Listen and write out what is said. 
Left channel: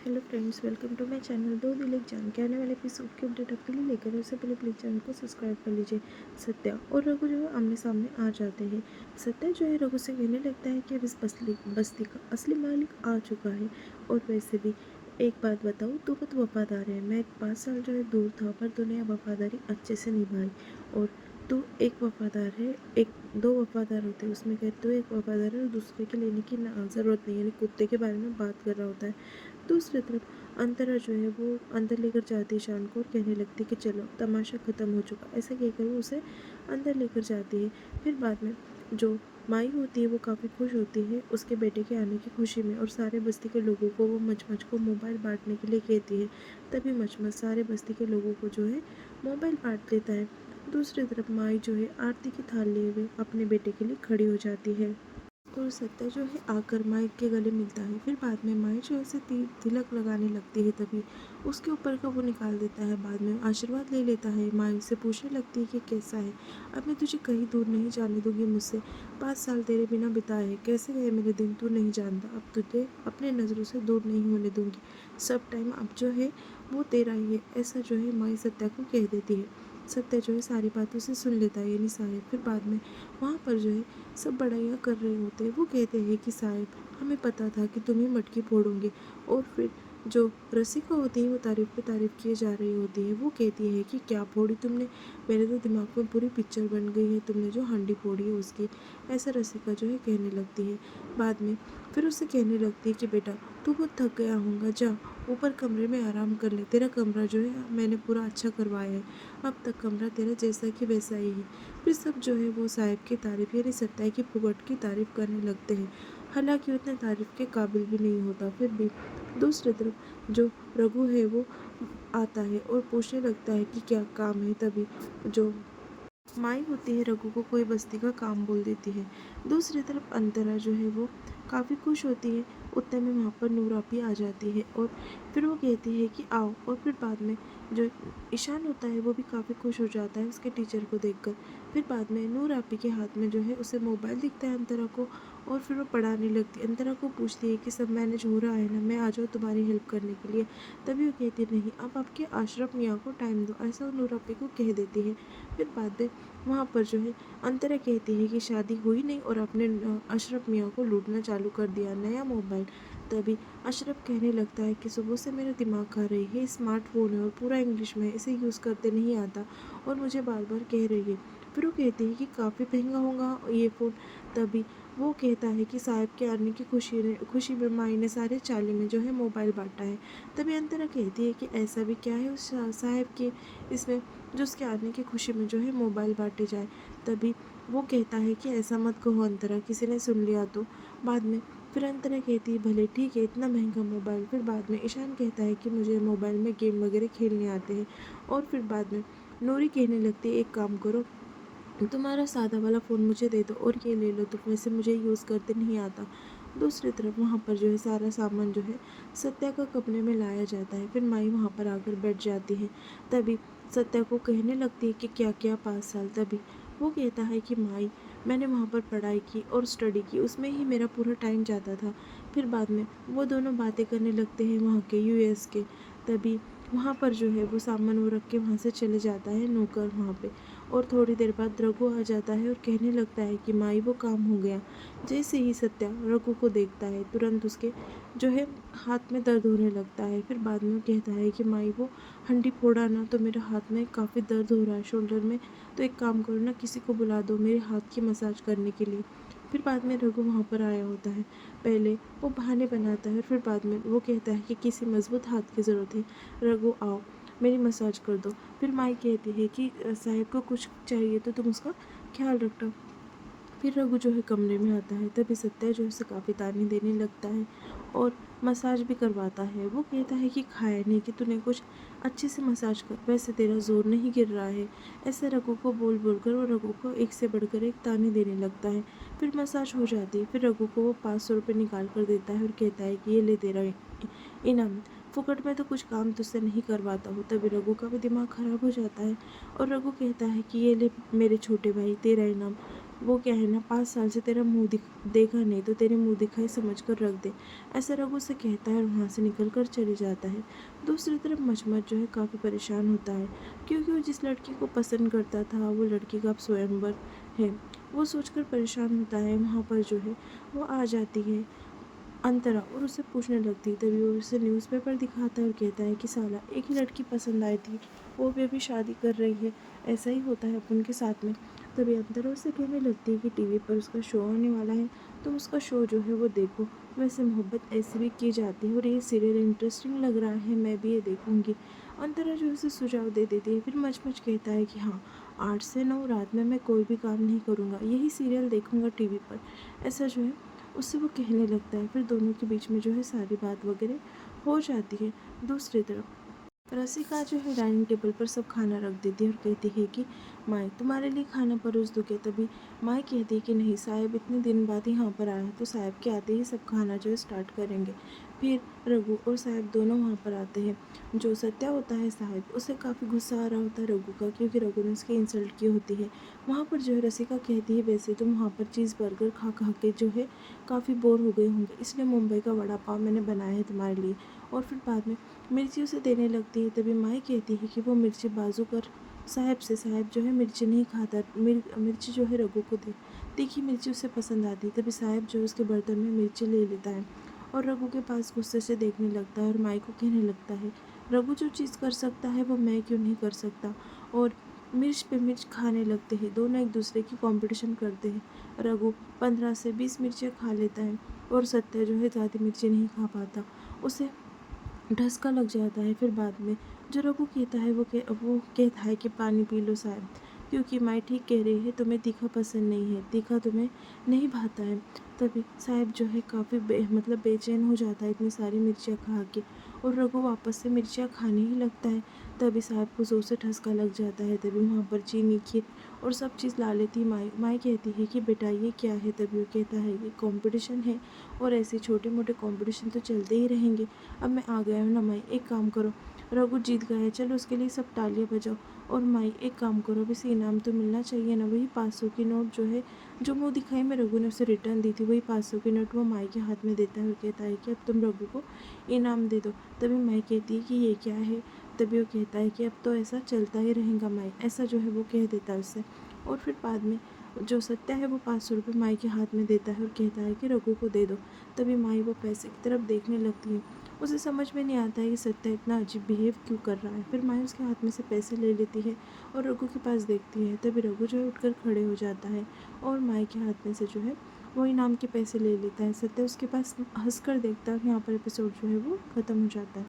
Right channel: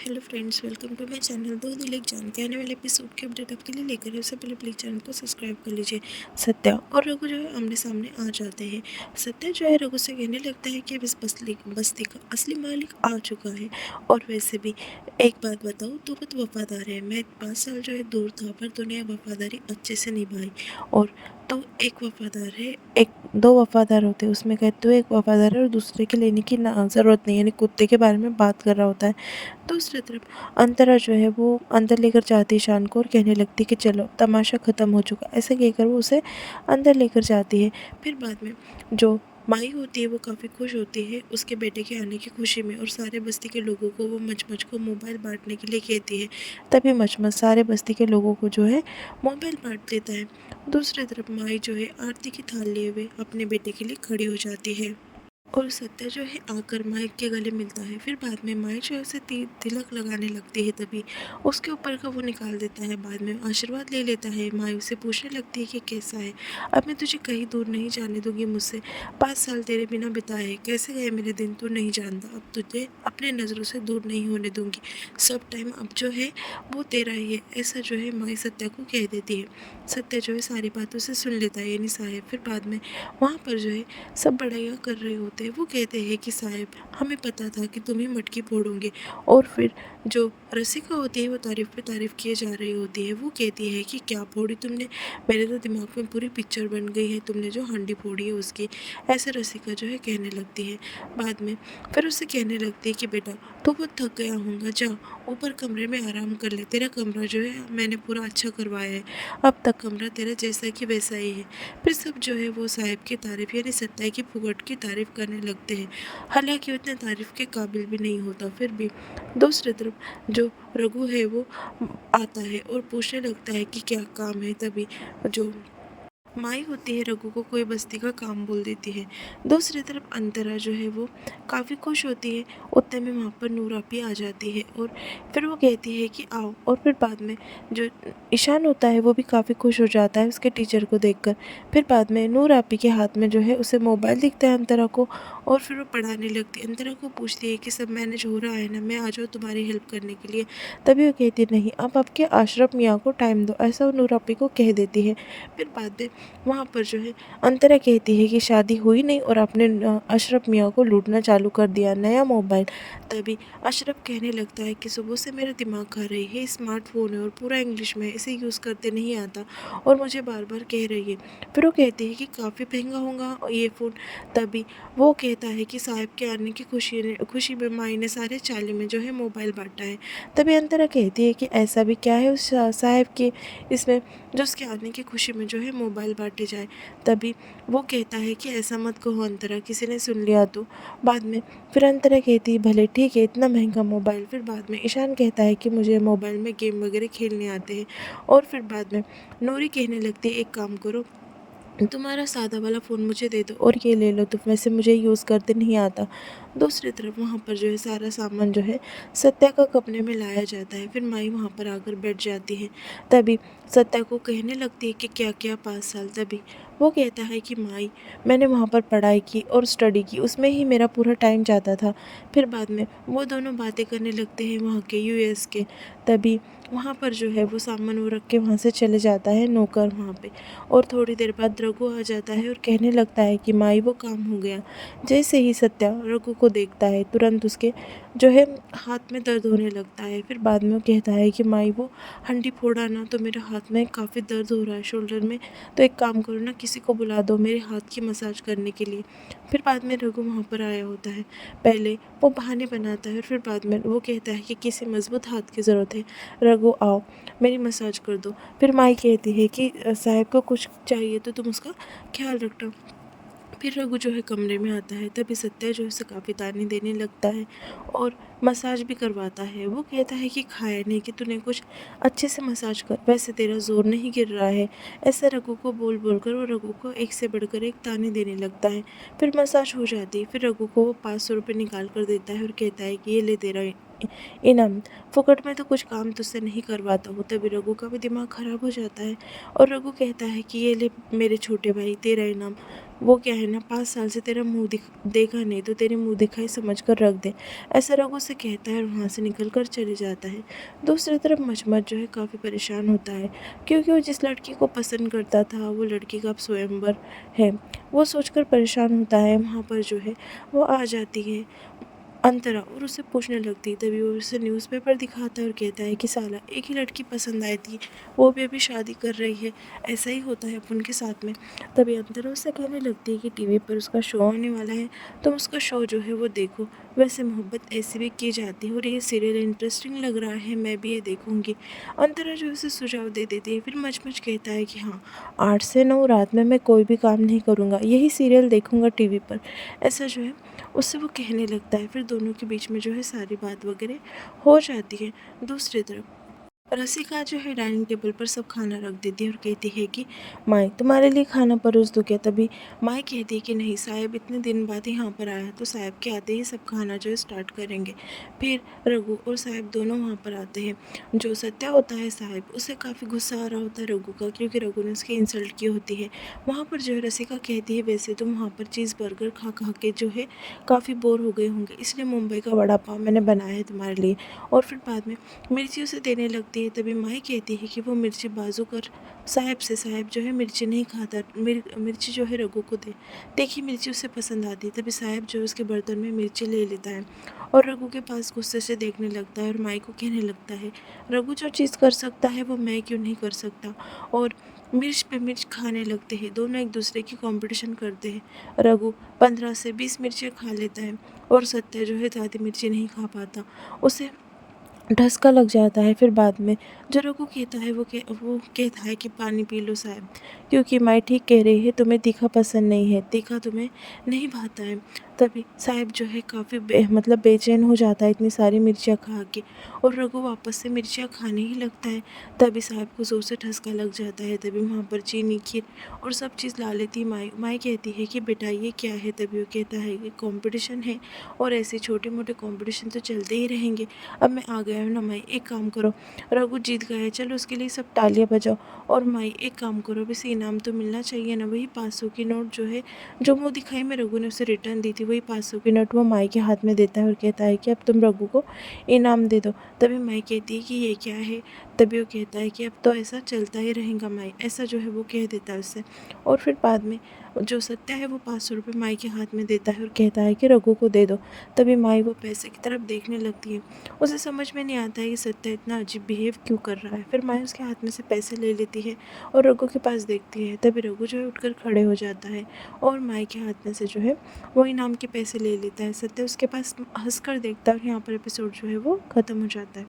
Hello friends, welcome to my channel. दो दिल एक जान के आने वाले एपिसोड के अपडेट आपके लिए लेकर है। उससे पहले प्लीज़ चैनल को सब्सक्राइब कर लीजिए। सत्या और रघु जो है आमने सामने आ जाते हैं। सत्या जो है रघु से कहने लगता है कि अब इस बस्ती का असली मालिक आ चुका है। और वैसे भी एक बात बताऊँ, तू बहुत वफादार है। मैं 5 साल जो है दूर था, पर तूने ये वफादारी अच्छे से निभाई। और तू एक वफादार है, एक दो वफादार होते हैं उसमें कहते हो एक वफादार है और दूसरे के लेने की ना ज़रूरत नहीं, यानी कुत्ते के बारे में बात कर रहा होता है। दूसरी तरफ अंतरा जो है वो अंदर लेकर जाती है शान को और कहने लगती है कि चलो तमाशा ख़त्म हो चुका। ऐसा कहकर वो उसे अंदर लेकर जाती है। फिर बाद में जो माई होती है वो काफ़ी खुश होती है उसके बेटे के आने की खुशी में, और सारे बस्ती के लोगों को वो मचमच को मोबाइल बांटने के लिए कहती है। तभी मचमच सारे बस्ती के लोगों को जो है मोबाइल बांट देता है। दूसरी तरफ माई जो है आरती की थाल लिए हुए अपने बेटे के लिए खड़ी हो जाती है और सत्या जो है आकर माइक के गले मिलता है। फिर बाद में माई जो है उसे तिलक लगाने लगती है, तभी उसके ऊपर का वो निकाल देता है। बाद में आशीर्वाद ले लेता है। माई उसे पूछने लगती है कि कैसा है। अब मैं तुझे कहीं दूर नहीं जाने दूंगी मुझसे। 5 साल तेरे बिना बिताए हैं, कैसे गए मेरे दिन तू नहीं जानता। अब तुझे अपने नज़रों से दूर नहीं होने दूंगी। सब टाइम अब जो है वो तेरा ही है। ऐसा जो है माई सत्या को कह देती है। सत्या जो है सारी बातों से सुन लेता है, यानी साहेब। फिर बाद में वहाँ पर जो है सब बड़ाइयाँ कर रहे होते हैं। वो कहते हैं कि साहब, हमें पता था कि तुम ही मटकी फोड़ोगे। और फिर जो रसिका होती है वो तारीफ़ पे तारीफ़ किए जा रही होती है। वो कहती है कि क्या फोड़ी तुमने, मेरे तो दिमाग में पूरी पिक्चर बन गई है तुमने जो हंडी फोड़ी है उसकी। ऐसे रसिका जो है कहने लगती है। बाद में फिर उससे कहने लगती है कि बेटा तू बहुत थक गया होगा, जा ऊपर कमरे में आराम कर ले। तेरा कमरा जो है मैंने पूरा अच्छा करवाया है, अब तक कमरा तेरा जैसा कि वैसा ही है। फिर सब जो है वो साहिब की तारीफ़ यानी सत्या की फुगट की तारीफ़ करने लगते हैं। हालांकि वो इतने तारीफ़ के काबिल भी नहीं होता। फिर भी दूसरी तरफ जो रघु है वो आता है और पूछने लगता है कि क्या काम है। तभी जो माई होती है रघु को कोई बस्ती का काम बोल देती है। दूसरी तरफ अंतरा जो है वो काफ़ी खुश होती है। उतने में वहाँ पर नूर आपी आ जाती है और फिर वो कहती है कि आओ। और फिर बाद में जो ईशान होता है वो भी काफ़ी खुश हो जाता है उसके टीचर को देखकर। फिर बाद में नूर आपी के हाथ में जो है उसे मोबाइल दिखता है अंतरा को, और फिर वो पढ़ाने लगती है। अंतरा को पूछती है कि सब मैनेज हो रहा है ना, मैं आ जाऊँ तुम्हारी हेल्प करने के लिए। तभी वो कहती नहीं, अब आपके अशरफ मियाँ को टाइम दो, ऐसा वो नूर आपी को कह देती है। फिर बाद में वहाँ पर जो है अंतरा कहती है कि शादी हुई नहीं और आपने अशरफ मियाँ को लूटना चालू कर दिया, नया मोबाइल। तभी अशरफ कहने लगता है कि सुबह से मेरा दिमाग खा रही है, स्मार्टफोन है और पूरा इंग्लिश में है, इसे यूज़ करते नहीं आता और मुझे बार बार कह रही है। फिर वो कहती है कि काफ़ी महंगा होगा ये फ़ोन। तभी वो कहता है कि साहब के आने की खुशी में माई ने सारे चाली में जो है मोबाइल बांटा है। तभी अंतरा कहती है कि ऐसा भी क्या है उस साहब के इसमें जो उसके आने की खुशी में जो है मोबाइल बांटे जाए। तभी वो कहता है कि ऐसा मत कहो अंतरा, किसी ने सुन लिया तो। बाद में फिर अंतरा कहती है भले ठीक है, इतना महंगा मोबाइल। फिर बाद में ईशान कहता है कि मुझे मोबाइल में गेम वगैरह खेलने आते हैं। और फिर बाद में नूरी कहने लगती है एक काम करो, तुम्हारा सादा वाला फ़ोन मुझे दे दो और ये ले लो, तो वैसे मुझे यूज़ करते नहीं आता। दूसरी तरफ वहाँ पर जो है सारा सामान जो है सत्या का कमरे में लाया जाता है। फिर माई वहाँ पर आकर बैठ जाती है। तभी सत्या को कहने लगती है कि क्या क्या 5 साल। तभी वो कहता है कि माई, मैंने वहाँ पर पढ़ाई की और स्टडी की, उसमें ही मेरा पूरा टाइम जाता था। फिर बाद में वो दोनों बातें करने लगते हैं वहाँ के यूएस के। तभी वहाँ पर जो है वो सामान वो रख के वहाँ से चले जाता है नौकर वहाँ पे। और थोड़ी देर बाद रघु आ जाता है और कहने लगता है कि माई वो काम हो गया। जैसे ही सत्या रघु को देखता है तुरंत उसके जो है हाथ में दर्द होने लगता है। फिर बाद में वो कहता है कि माई वो हंडी फोड़ा ना, तो मेरे हाथ में काफ़ी दर्द हो रहा है शोल्डर में, तो एक काम करो ना, किसी को बुला दो मेरे हाथ की मसाज करने के लिए। फिर बाद में रघु वहाँ पर आया होता है। पहले वो बहाने बनाता है और फिर बाद में वो कहता है कि किसी मजबूत हाथ की ज़रूरत है, रघु आओ मेरी मसाज कर दो। फिर माई कहती है कि साहब को कुछ चाहिए तो तुम उसका ख्याल रखना। फिर रघु जो है कमरे में आता है। तभी सत्या जो है उसे काफ़ी ताने देने लगता है और मसाज भी करवाता है। वो कहता है कि खाया नहीं कि तूने कुछ अच्छे से मसाज कर, वैसे तेरा जोर नहीं गिर रहा है। ऐसे रघु को बोल बोल कर वो रघु को एक से बढ़कर एक ताने देने लगता है। फिर मसाज हो जाती है। फिर रघु को वो 500 रुपये निकाल कर देता है और कहता है कि ये ले तेरा इनाम, फुकट में तो कुछ काम तुझसे नहीं करवाता हूँ। तभी रघु का भी दिमाग ख़राब हो जाता है और रघु कहता है कि ये ले मेरे छोटे भाई तेरा इनाम। वो क्या है ना 5 साल से तेरा देखा नहीं तो तेरे मुंह दिखाई समझ कर रख दे। ऐसा रघु से कहता है और वहाँ से निकल कर चले जाता है। दूसरी तरफ मचमच जो है काफ़ी परेशान होता है, क्योंकि वो जिस लड़की को पसंद करता था वो लड़की का अब स्वयंवर है। वो सोचकर परेशान होता है। वहाँ पर जो है वो आ जाती है अंतरा और उससे पूछने लगती है। तभी वो उसे न्यूज़पेपर दिखाता है और कहता है कि साला एक ही लड़की पसंद आई थी, वो भी अभी शादी कर रही है, ऐसा ही होता है अपन के साथ में। तभी अंतरा उससे कहने लगती है कि टीवी पर उसका शो आने वाला है, तुम उसका शो जो है वो देखो। वैसे मोहब्बत ऐसी भी की जाती है और ये सीरियल इंटरेस्टिंग लग रहा है, मैं भी ये देखूंगी। अंतरा जो है उसे सुझाव दे देती है। फिर मचमच कहता है कि हाँ, 8 से 9 रात में मैं कोई भी काम नहीं करूँगा, यही सीरियल देखूंगा टीवी पर। ऐसा जो है उससे वो कहने लगता है। फिर दोनों के बीच में जो है सारी बात वगैरह हो जाती है। दूसरी तरफ रसिका जो है डाइनिंग टेबल पर सब खाना रख देती है और कहती है कि माई तुम्हारे लिए खाना परोस दूँ क्या। तभी माई कहती है कि नहीं, साहब इतने दिन बाद यहाँ पर आया तो साहब के आते ही सब खाना जो है स्टार्ट करेंगे। फिर रघु और साहब दोनों वहाँ पर आते हैं। जो सत्या होता है साहब, उसे काफ़ी गुस्सा आ रहा होता है रघु का, क्योंकि रघु ने उसकी इंसल्ट की होती है। वहाँ पर जो है रसिका कहती है वैसे तुम वहाँ पर चीज़ बर्गर खा खा के जो है काफ़ी बोर हो गए होंगे, इसलिए मुंबई का वड़ा पाव मैंने बनाया है तुम्हारे लिए। और फिर बाद में मिर्ची उसे देने लगती है। तभी माई कहती है कि वो मिर्ची बाजू कर साहब से, साहब जो है मिर्ची नहीं खाता, मिर्ची जो है रघु को दे। देखिए मिर्ची उसे पसंद आती है। तभी साहब जो है उसके बर्तन में मिर्ची ले लेता है और रघु के पास गुस्से से देखने लगता है और माई को कहने लगता है, रघु जो चीज़ कर सकता है वो मैं क्यों नहीं कर सकता। और मिर्च पे मिर्च खाने लगते हैं। दोनों एक दूसरे की कंपटीशन करते हैं। रघु 15 से 20 मिर्चियाँ खा लेता है और सत्या जो है ज़्यादा मिर्ची नहीं खा पाता, उसे ढस्का लग जाता है। फिर बाद में जो रघु कहता है वो कहता है कि पानी पी लो साहब, क्योंकि माई ठीक कह रही है, तुम्हें तीखा पसंद नहीं है, तीखा तुम्हें नहीं भाता है। तभी साहब जो है काफ़ी मतलब बेचैन हो जाता है इतनी सारी मिर्चियाँ खा के, और रघु वापस से मिर्चियाँ खाने ही लगता है। तभी साहब को ज़ोर से ठसका लग जाता है। तभी वहाँ पर चीनी, खीर और सब चीज़ ला लेती माई। माई कहती है कि बेटा ये क्या है। तभी वो कहता है कि कंपटीशन है और ऐसे छोटे मोटे कंपटीशन तो चलते ही रहेंगे। अब मैं आ गया हूँ ना माई, एक काम करो, रघु जीत गया है, चलो उसके लिए सब तालियां बजाओ। और माई एक काम करो, अब इसे इनाम तो मिलना चाहिए ना। वही 500 की नोट जो है, जो मुँह दिखाई में रघु ने उसे रिटर्न दी थी, वही 500 की नोट वो माई के हाथ में देता है और कहता है कि अब तुम रघु को इनाम दे दो। तभी माई कहती है कि ये क्या है। तभी वो कहता है कि अब तो ऐसा चलता ही रहेगा माई, ऐसा जो है वो कह देता है उससे। और फिर बाद में जो सत्या है वो 500 रुपये माई के हाथ में देता है और कहता है कि रघु को दे दो। तभी माई वो पैसे की तरफ देखने लगती है। उसे समझ में नहीं आता है कि सत्या इतना अजीब बिहेव क्यों कर रहा है। फिर माई उसके हाथ में से पैसे ले लेती है और रघु के पास देखती है। तभी रघु जो है उठकर खड़े हो जाता है और माई के हाथ में से जो है वो इनाम के पैसे ले लेता है। सत्या उसके पास हंस कर देखता है और यहाँ पर एपिसोड जो है वो ख़त्म हो जाता है।